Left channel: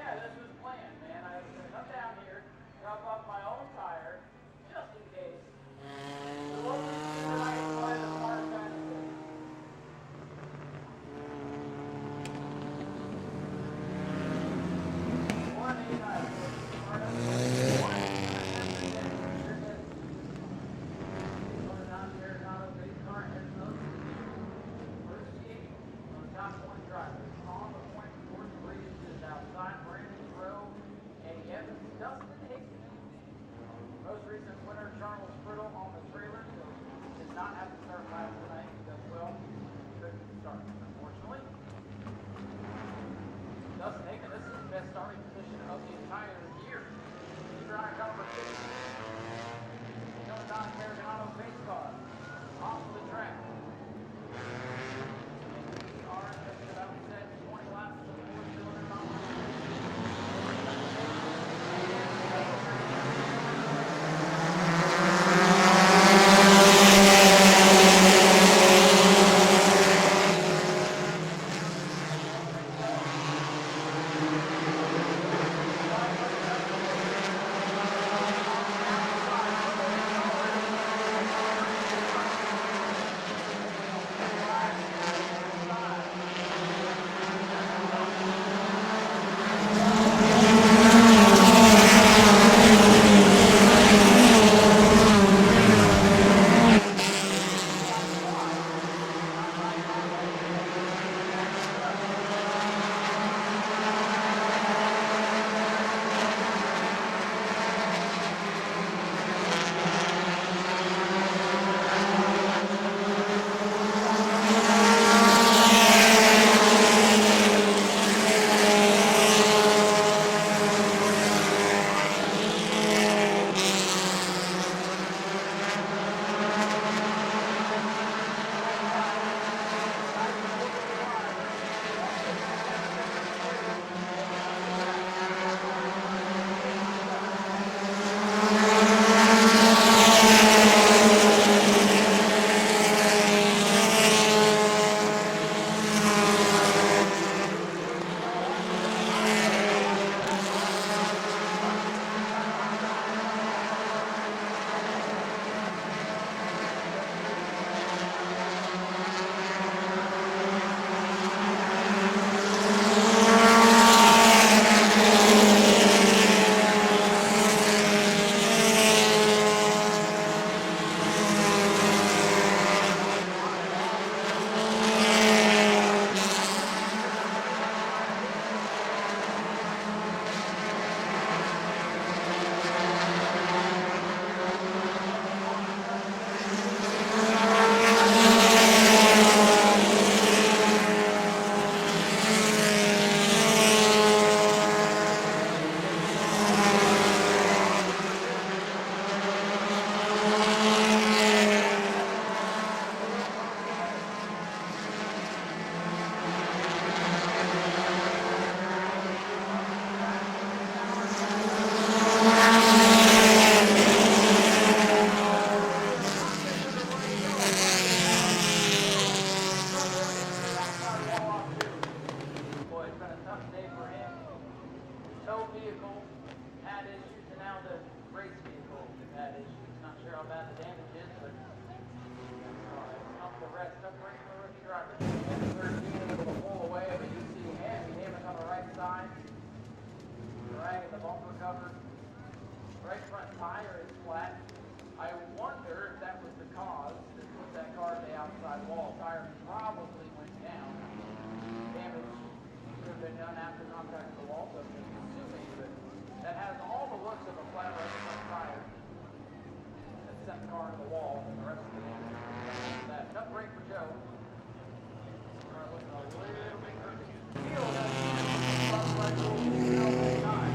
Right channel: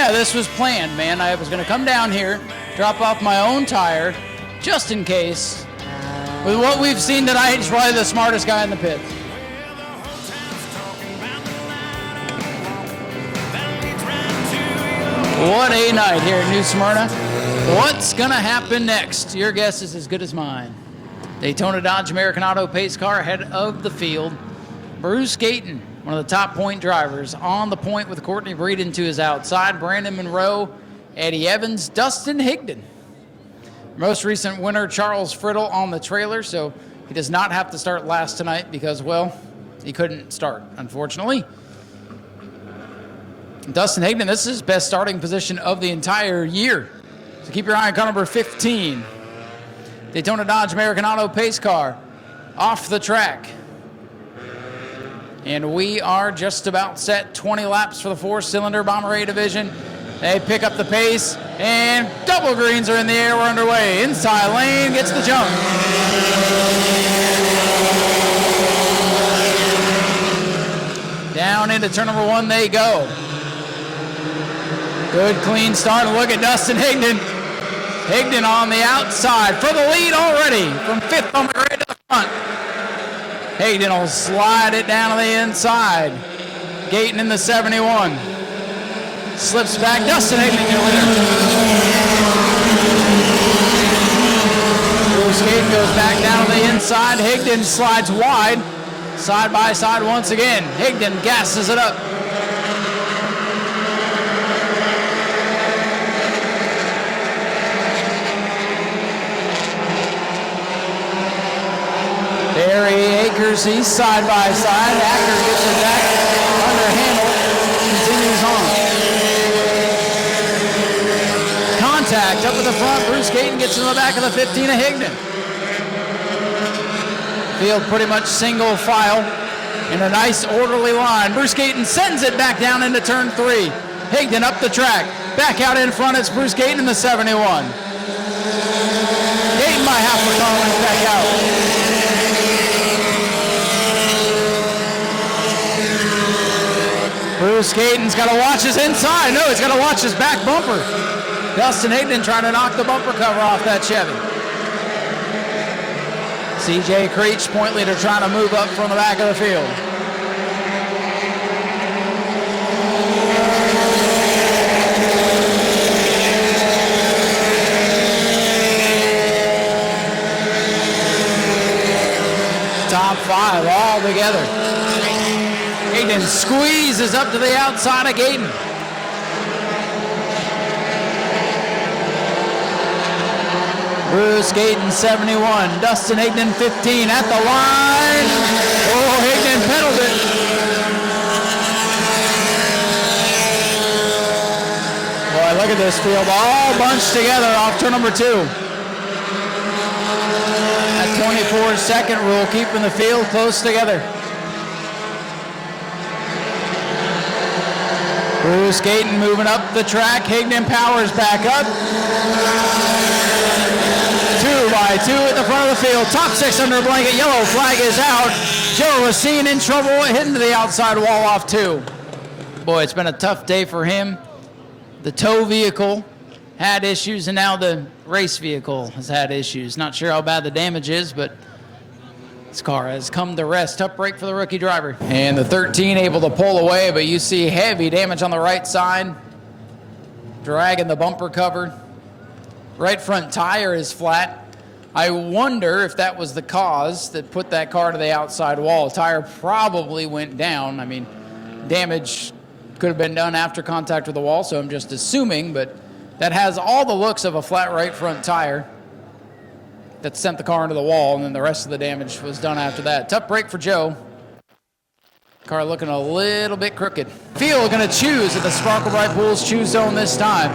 Yeah, this was planned, man. I was going to come down here, drop off my own tire, just in case. With what we've seen tonight, he's probably the smartest guy in the pit. What a night here in New Smyrna. What's going to happen next? Your guess is as good as mine. Daytona Dodge American Auto pace car ahead of the field. Bruce Gayton, one of the top point drivers, on the point with Courtney Breeden to his outside. Brandon Monroe, Eddie Evans, Dustin Higdon. Most recent winner, Charles Friddle, on the trailer, so he does not have to start last tonight because, well, he couldn't start, unfortunately. Dustin Higdon, this is his best starting position of the entire year. So keep your eye on car number 15. Daytona Dodge American Auto pace car off the track. And we are just about set. 20 laps for the four-cylinder Bomber A division. They pick up the pace, and double greens are in the air. We're underway. Inside lane gets the jump. Down into turn number 1 they go. Good clean start, and look at Dustin Higdon. Higdon on the outside for the lead already from 5th on the grid to the front. Higdon will slide it down to the inside. Gayton in the 71. Slips back, Dustin Higdon over there. Gayton goes back down to the inside. Higdon slides wide. Side by side once again. Higdon gasses it up. Barry Akers, he's side by side. Akers gets it back under the handle. Continues on. Contact up at the front. Bruce Gayton gets in the back of the 15 of Higdon. Field pretty much single file in a nice orderly line. Bruce Gayton sends it back down into turn 3. Higdon up the track. Back out in front, it's Bruce Gayton in the 71. Gayton by half a car back out. Bruce Gayton's got to watch his inside. No, he's got to watch his back bumper. Dustin Higdon trying to knock the bumper cover off that Chevy. CJ Creech, point leader, trying to move up from the back of the field. Top 5 all together. Higdon squeezes up to the outside of Gayton. Bruce Gayton 71, Dustin Higdon 15 at the line. Oh, Higdon pedaled it. Boy, look at this field, all bunched together off turn number 2. That 24-second rule, keeping the field close together. Bruce Gayton moving up the track. Higdon powers back up. 2 by 2 at the front of the field. Top 6 under a blanket. Yellow flag is out. Joe Racine in trouble, hitting to the outside wall off 2. Boy, it's been a tough day for him. The tow vehicle had issues, and now the race vehicle has had issues. Not sure how bad the damage is, but this car has come to rest. Tough break for the rookie driver. And the 13 able to pull away, but you see heavy damage on the right side. Dragging the bumper cover. Right front tire is flat. I wonder if that was the cause that put that car to the outside wall. Tire probably went down. I mean, damage could have been done after contact with the wall, so I'm just assuming, but that has all the looks of a flat right front tire that sent the car into the wall, and then the rest of the damage was done after that. Tough break for Joe. Car looking a little bit crooked. Field gonna choose at the Sparkle Bright Pools choose zone this time.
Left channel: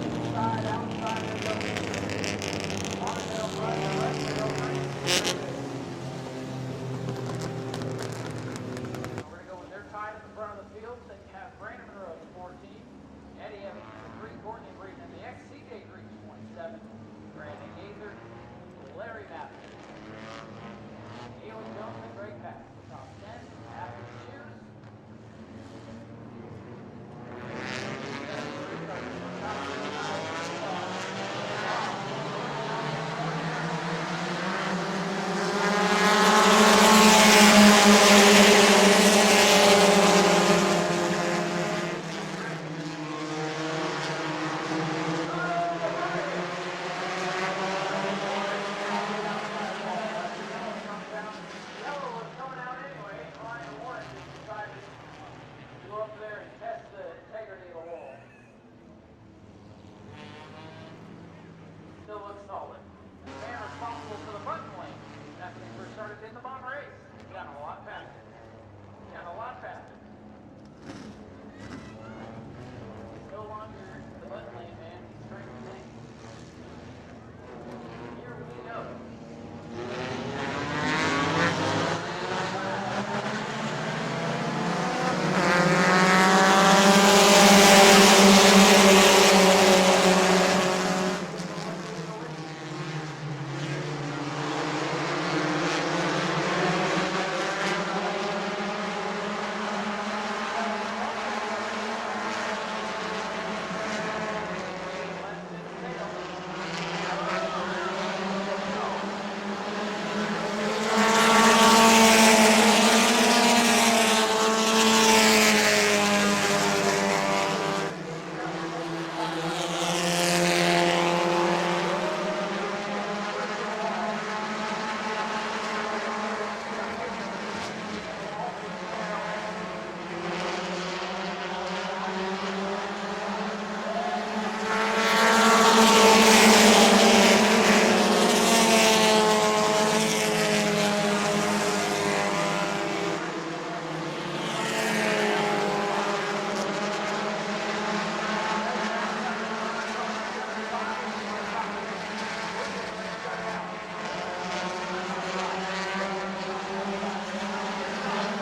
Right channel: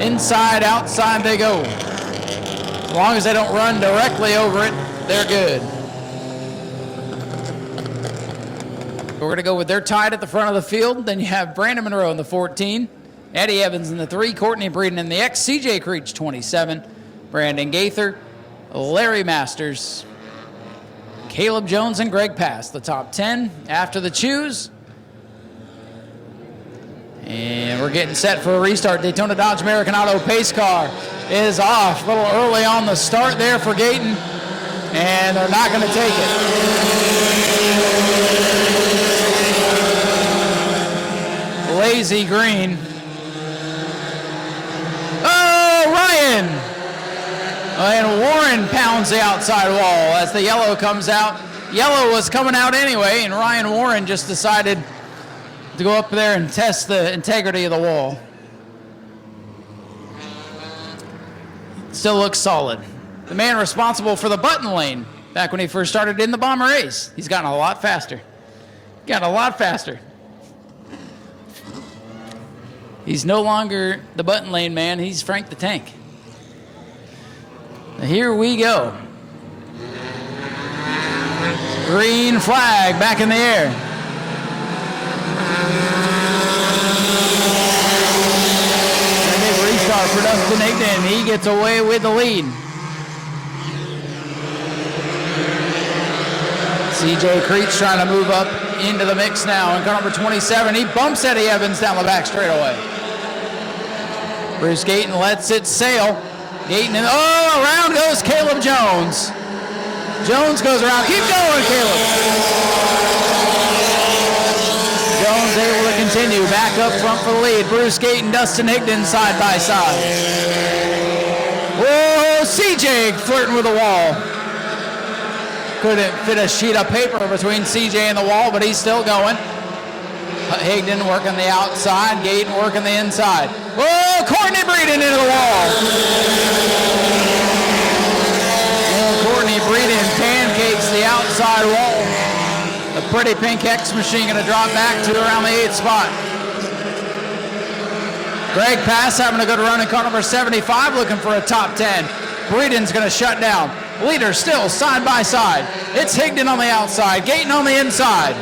Inside, outside they go. As long as they don't run directly over it, they're good. We're gonna go with they're tied at the front of the field. Then you have Brandon Monroe in the 14, Eddie Evans in the 3, Courtney Breeden in the X, CJ Creech 27, Brandon Gaither, Larry Masters, Caleb Jones, and Greg Pass, the top 10 after the choose. And we're getting set for a restart. Daytona Dodge American Auto pace car is off. A little early on the start there for Gayton. And they're not going to take it. Lazy green. Oh, Ryan! And Warren pounds the outside wall as the yellow comes out. Yellow was coming out anyway, and Ryan Warren just decided to go up there and test the integrity of the wall. Still looks solid. The man responsible for the button lane back when he first started in the Bomber race. He's gotten a lot faster. Gotten a lot faster. He's no longer the button lane man. He's Frank the Tank. Here we go. Green flag back in the air. Restart for Dustin Higdon. He gets away with the lead. CJ Creech trying to move up into the mix now. In car number 27, he bumps Eddie Evans down the back straightaway. Bruce Gayton lets it sail. Gayton, and oh, around goes Caleb Jones. Jones goes around. Keep going, Caleb. Jones able to continue. Back up front for the lead. Bruce Gayton, Dustin Higdon side by side. Whoa, CJ flirting with the wall. Couldn't fit a sheet of paper between CJ and the wall, but he's still going. Higdon working the outside, Gayton working the inside. Whoa, Courtney Breeden into the wall. And Courtney Breeden pancakes the outside wall. The pretty pink X machine gonna drop back to around the 8th spot. Greg Pass having a good run in car number 75, looking for a top 10. Breeden's gonna shut down. Leader still side by side. It's Higdon on the outside, Gayton on the inside.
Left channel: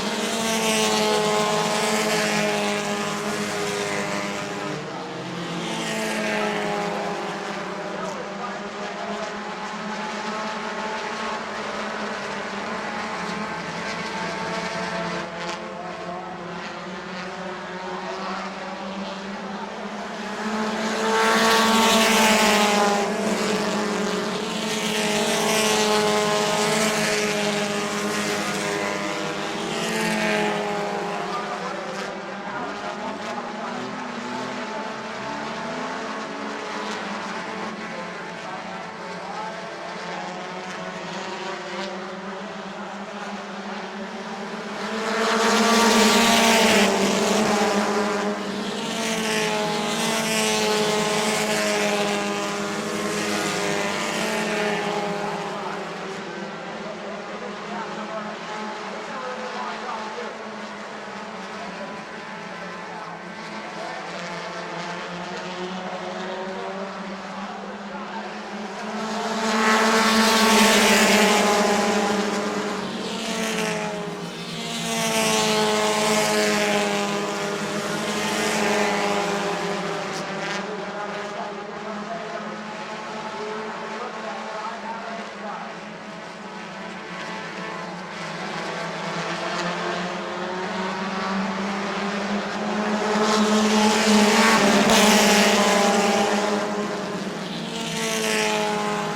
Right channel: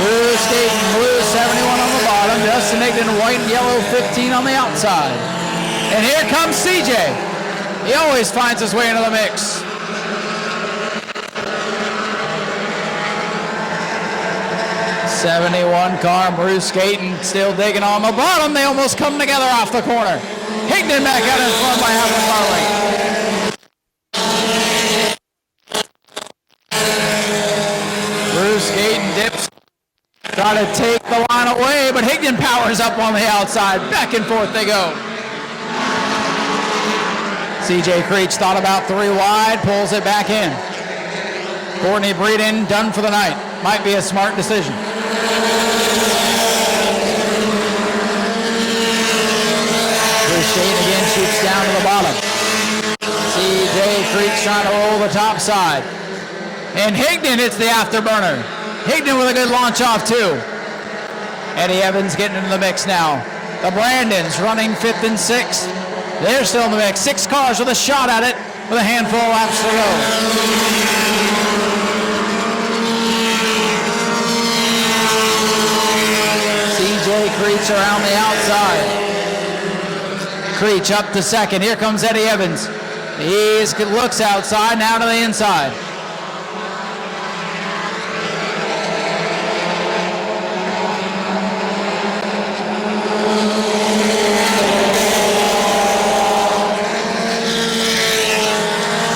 Bruce Gayton, blue 71 on the bottom. Dustin Higdon, white and yellow 15 on the outside. And here comes CJ. He always finds his way into the mix. '71 car, Bruce Gayton still digging on the bottom. They almost come together off the corner. Higdon back out in front by half a mile. Bruce Gayton dips. Try to take the line away, but Higdon powers up on the outside. Back and forth they go. CJ Creech thought about 3 wide, pulls it back in. Courtney Breeden done for the night. Might be a smart decision. Bruce Gayton again shoots down to the bottom. CJ Creech trying to roll the top side. And Higdon hits the afterburner. Higdon with a good launch off too. Eddie Evans getting into the mix now. The Brandons running 5th and 6th. They're still in the mix. 6 cars with a shot at it with a handful of laps to go. CJ Creech around the outside. Creech up to 2nd. Here comes Eddie Evans. He looks outside, now to the inside.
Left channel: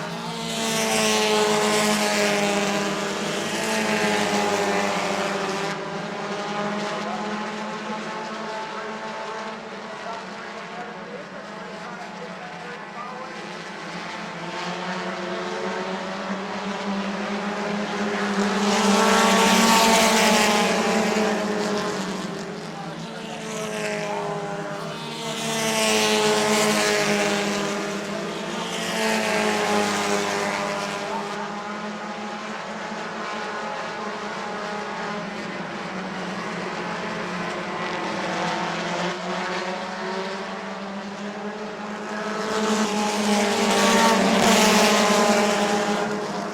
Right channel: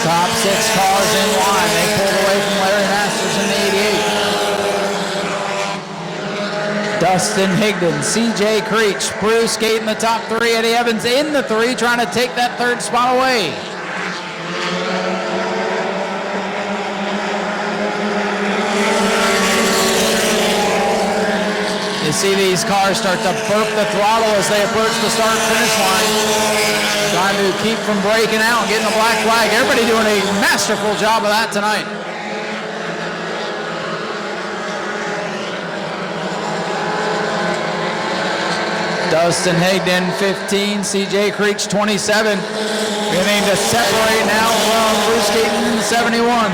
Top 6 cars in line. They pulled away from Larry Masters in the 88. Dustin Higdon, CJ Creech, Bruce Gayton the top 3, Eddie Evans in the 3, trying to take that 3rd spot away. You see these cars start to burp the throttle as they approach the start-finish line. Trying to keep from breaking out, getting the black flag. Everybody doing a masterful job of that tonight. Dustin Higdon, 15, CJ Creech, 27. Beginning to separate now from Bruce Gayton, 71.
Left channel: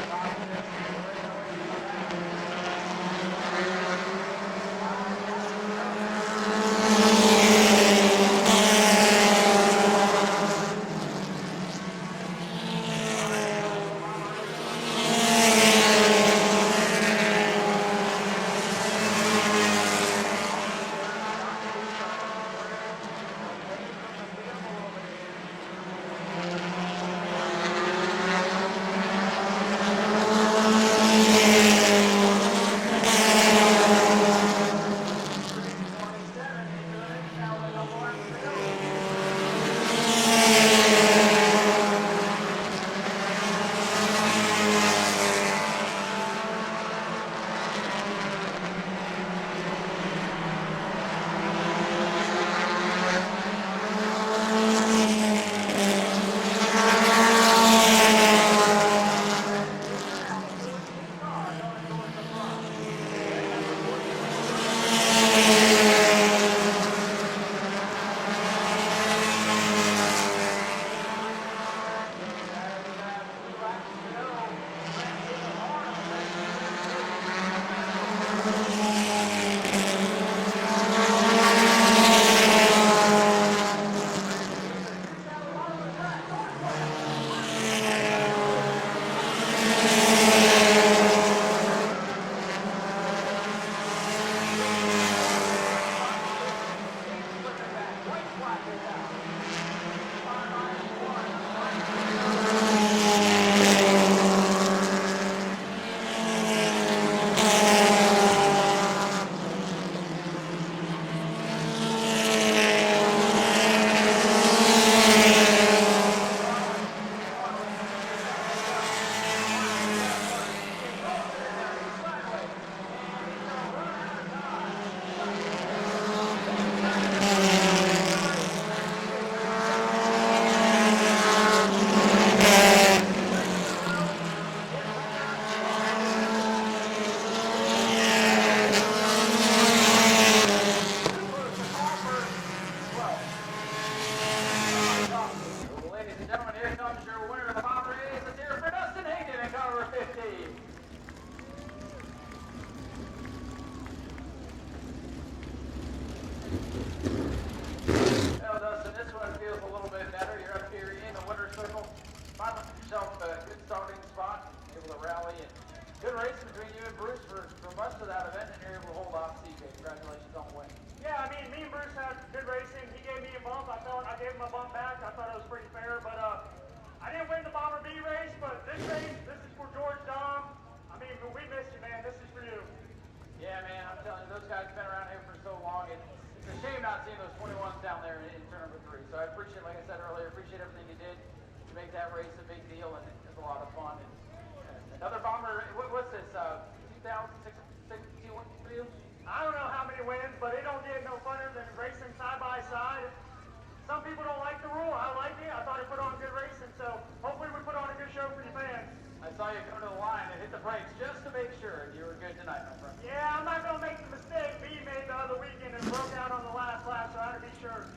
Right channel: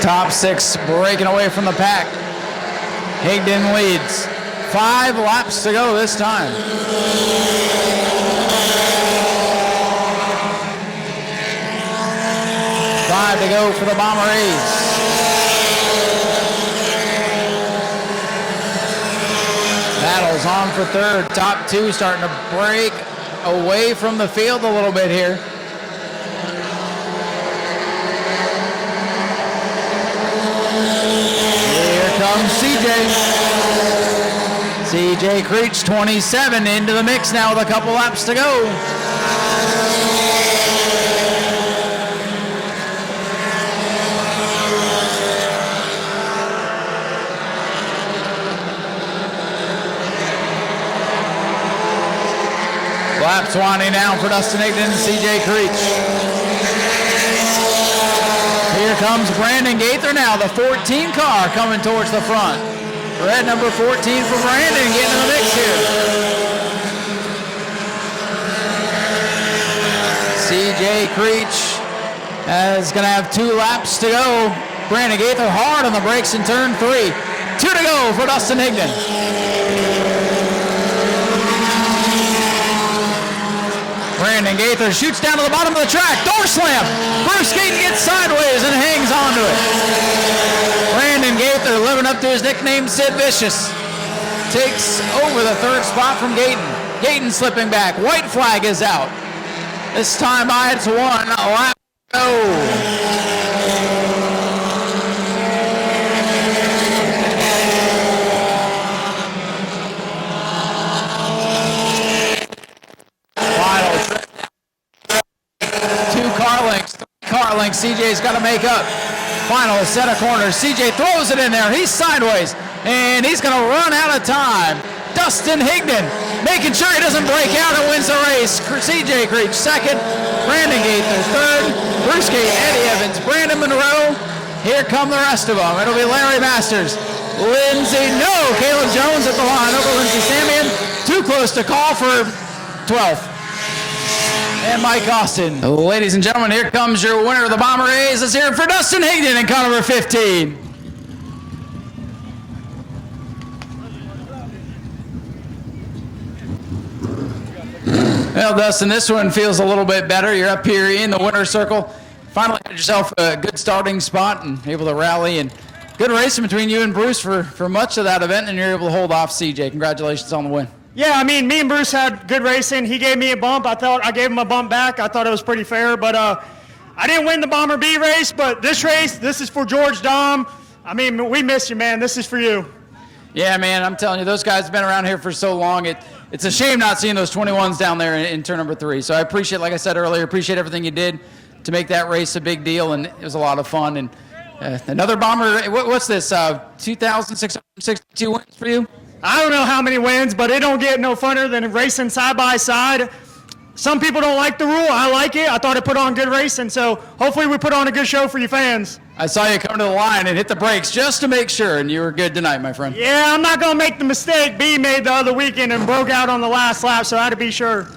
Top 6 breaking away from the pack. Higdon leads. 5 laps to go this time. 5 to go for the Bomber A's. Battles on for third. Top 2 starting to break away from the field a little bit here. Here comes CJ Creech, 27, into the mix now with a couple laps to go. Laps winding down for Dustin Ignan and CJ Creech. Here comes Brandon Gaither now, the 14 car coming towards the front. Red number 14 for Brandon getting in the mix here. CJ Creech is going to have 2 laps to go. Brandon Gaither hard on the brakes in turn 3. 2 to go for Dustin Ignan. Brandon Gaither shoots down to the bottom of the track. Door slam. Bruce Gaten gets sideways and hangs onto it. Brandon Gaither, living up to his nickname, Sid Vicious, takes over the 3rd spot from Gaten. Gaten slipping back. White flag is out. This time by it's 1 lap. Car length CJ's got to make up. Final set of corners. CJ throws it in there. He's sideways, and he's going to run out of time. Dustin Ignan making sure he doesn't break out and wins the race. CJ Creech 2nd. Brandon Gaither 3rd. Bruce Gaten, Eddie Evans, Brandon Monroe. Here come the rest of them. It'll be Larry Masters. Caleb Jones at the line over Lindsey Samian. Too close to call for 12th. And Mike Austin. Ladies and gentlemen, here comes your winner of the Bomber A's. Let's hear it for Dustin Ignan in car number 15. Well, Dustin, this one feels a little bit better. You're up here in the winner's circle. Finally had yourself a good starting spot and able to rally, and good racing between you and Bruce for much of that event, and you're able to hold off CJ. Congratulations on the win. Yeah, I mean, me and Bruce had good racing. He gave me a bump. I thought I gave him a bump back. I thought it was pretty fair, but I didn't win the Bomber B race, but this race, this is for George Dom. I mean, we miss you, man. This is for you. Yeah, man, I'm telling you, those guys have been around here for so long. It's a shame not seeing those 21s down there in turn number 3. So I appreciate, like I said earlier, appreciate everything you did to make that race a big deal, and it was a lot of fun. And another Bomber, what's this, 2,662 wins for you? I don't know how many wins, but it don't get no funner than racing side by side. Some people don't like the rule. I like it. I thought it put on good racing, so hopefully we put on a good show for you fans. I saw you come to the line and hit the brakes just to make sure, and you were good tonight, my friend. Yeah, I'm not going to make the mistake B made the other weekend and broke out on the last lap, so I had to be sure.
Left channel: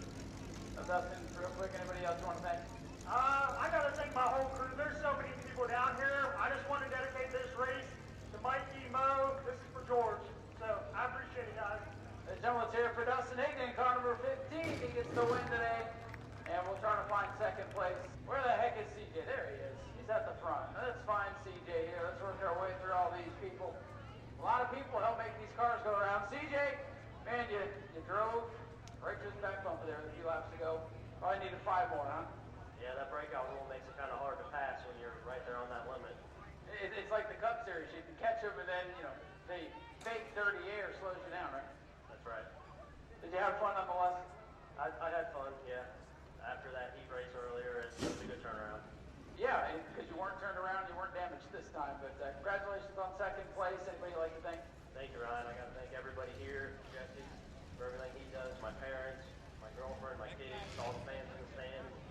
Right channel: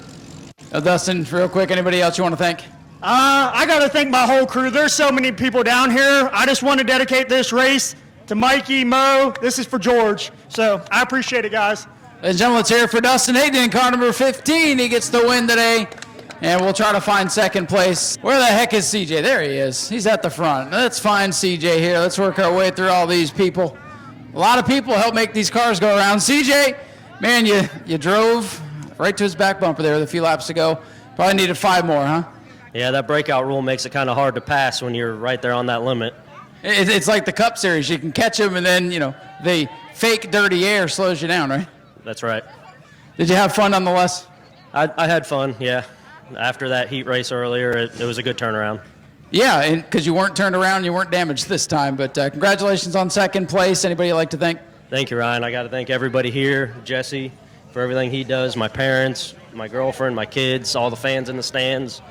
Dustin, real quick, anybody else you want to thank? I got to thank my whole crew. There's so many people down here. I just want to dedicate this race to Mikey, Mo. This is for George. So I appreciate it, guys. Ladies and gentlemen, let's hear it for Dustin Ignan, car number 15. He gets the win today, and we'll try to find 2nd place. Where the heck is CJ? There he is. He's at the front. Let's find CJ here. Let's work our way through all these people. A lot of people help make these cars go around. CJ, man, you drove right to his back bumper there with a few laps to go. Probably needed 5 more, huh? Yeah, that breakout rule makes it kind of hard to pass when you're right there on that limit. It's like the Cup Series. You can catch them, and then, the fake dirty air slows you down, right? That's right. Did you have fun nonetheless? I had fun, yeah. After that heat race earlier, it was a good turnaround. Yeah, and because you weren't turned around, you weren't damaged this time. But congratulations on 2nd place. Anybody you'd like to thank? Thank you, Ryan. I got to thank everybody here, Jesse, for everything he does, my parents, my girlfriend, my kids, all the fans in the stands.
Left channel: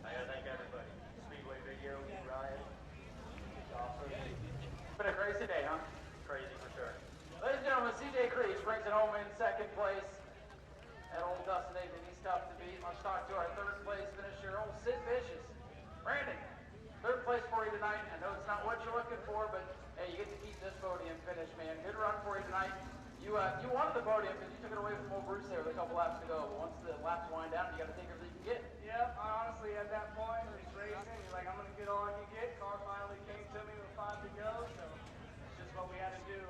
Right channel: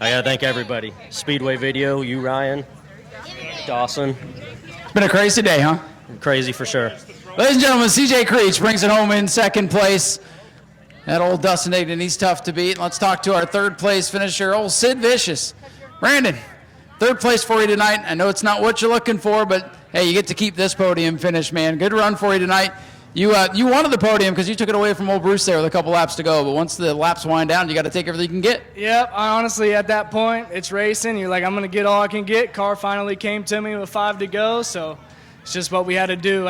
I got to thank everybody. Speedway Video, you, Ryan, Dawson. It's been a crazy day, huh? Crazy for sure. Ladies and gentlemen, CJ Creech brings it home in 2nd place. That old Dustin Ignan, he's tough to beat. Let's talk to our 3rd place finisher, old Sid Vicious. Brandon, 3rd place for you tonight. I know it's not what you're looking for, but hey, you get to keep this podium finish, man. Good run for you tonight. You wanted the podium because you took it away from old Bruce there with a couple laps to go, but once the laps wind down, you got to take everything you can get. Yep, I honestly, at that point, it's racing. You're like, I'm going to get all I can get. Car finally came to me with 5 to go, so it's just what we had to do.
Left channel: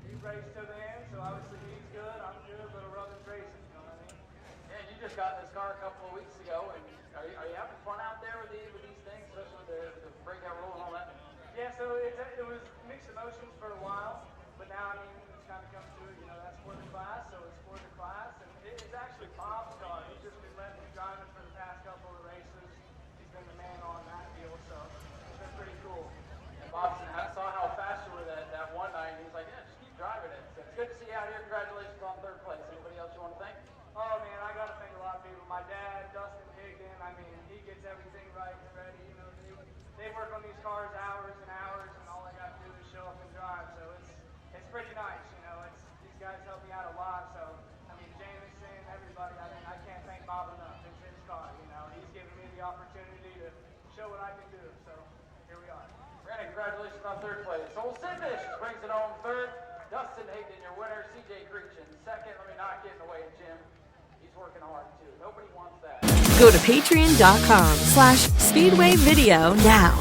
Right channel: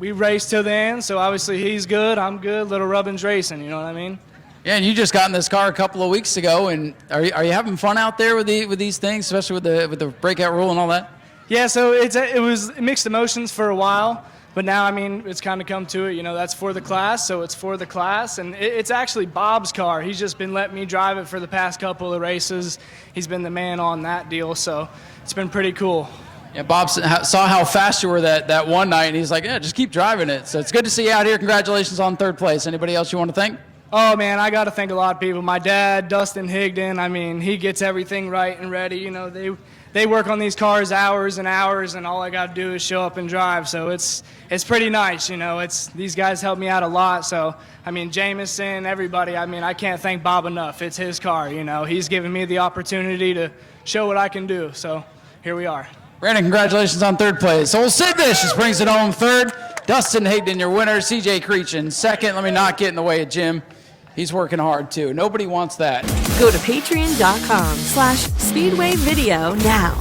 We raced till the end, so obviously he's good, I'm good. Little Rubbin's racing, you know what I mean? Yeah, and you just got in this car a couple of weeks ago, and are you having fun out there with these things, especially with the breakout rule and all that? Yeah, so it was mixed emotions for a while. But now, I mean, it's kind of come to it, you know, that's for the class, so it's for the class. And it's actually Bob's car. He's just been letting me drive it for the past couple of races. He's been the man on that deal, so it's been pretty cool. Yeah, Bob saw how fast you were that one night, and he's like, yeah, just keep driving it. So it's good to see you out here. Congratulations on 3rd place. Anybody else you want to thank? Oh, man, I got to thank a lot of people. My dad, Dustin Higdon, I mean, he gets everything right and ready. You know, they work on these cars hours and hours, and all I got to do is show up and drive. So it's pretty nice, you know. These guys help me out a lot. So, I mean, Jameson, everybody, I mean, I can't thank Bob enough. It's his car, you know. He's given me the opportunity to show what I can do. So here we are. Brandon, congratulations on 3rd place. So Sid Vicious brings it home 3rd. Dustin Higdon, your winner. CJ Creechin, 2nd. Let me not get in the way of Jim. He's working hard, too. Nobody wants that. Go to patreon.com/Speedway Video now.